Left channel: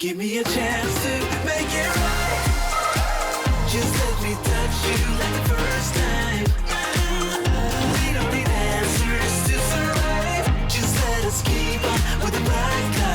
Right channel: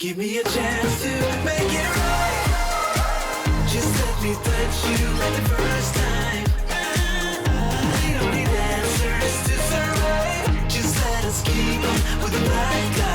Give me a chance to make it right. Just let me touch you like the first time. We don't need answers to survive. Just let us keep on with the black guy.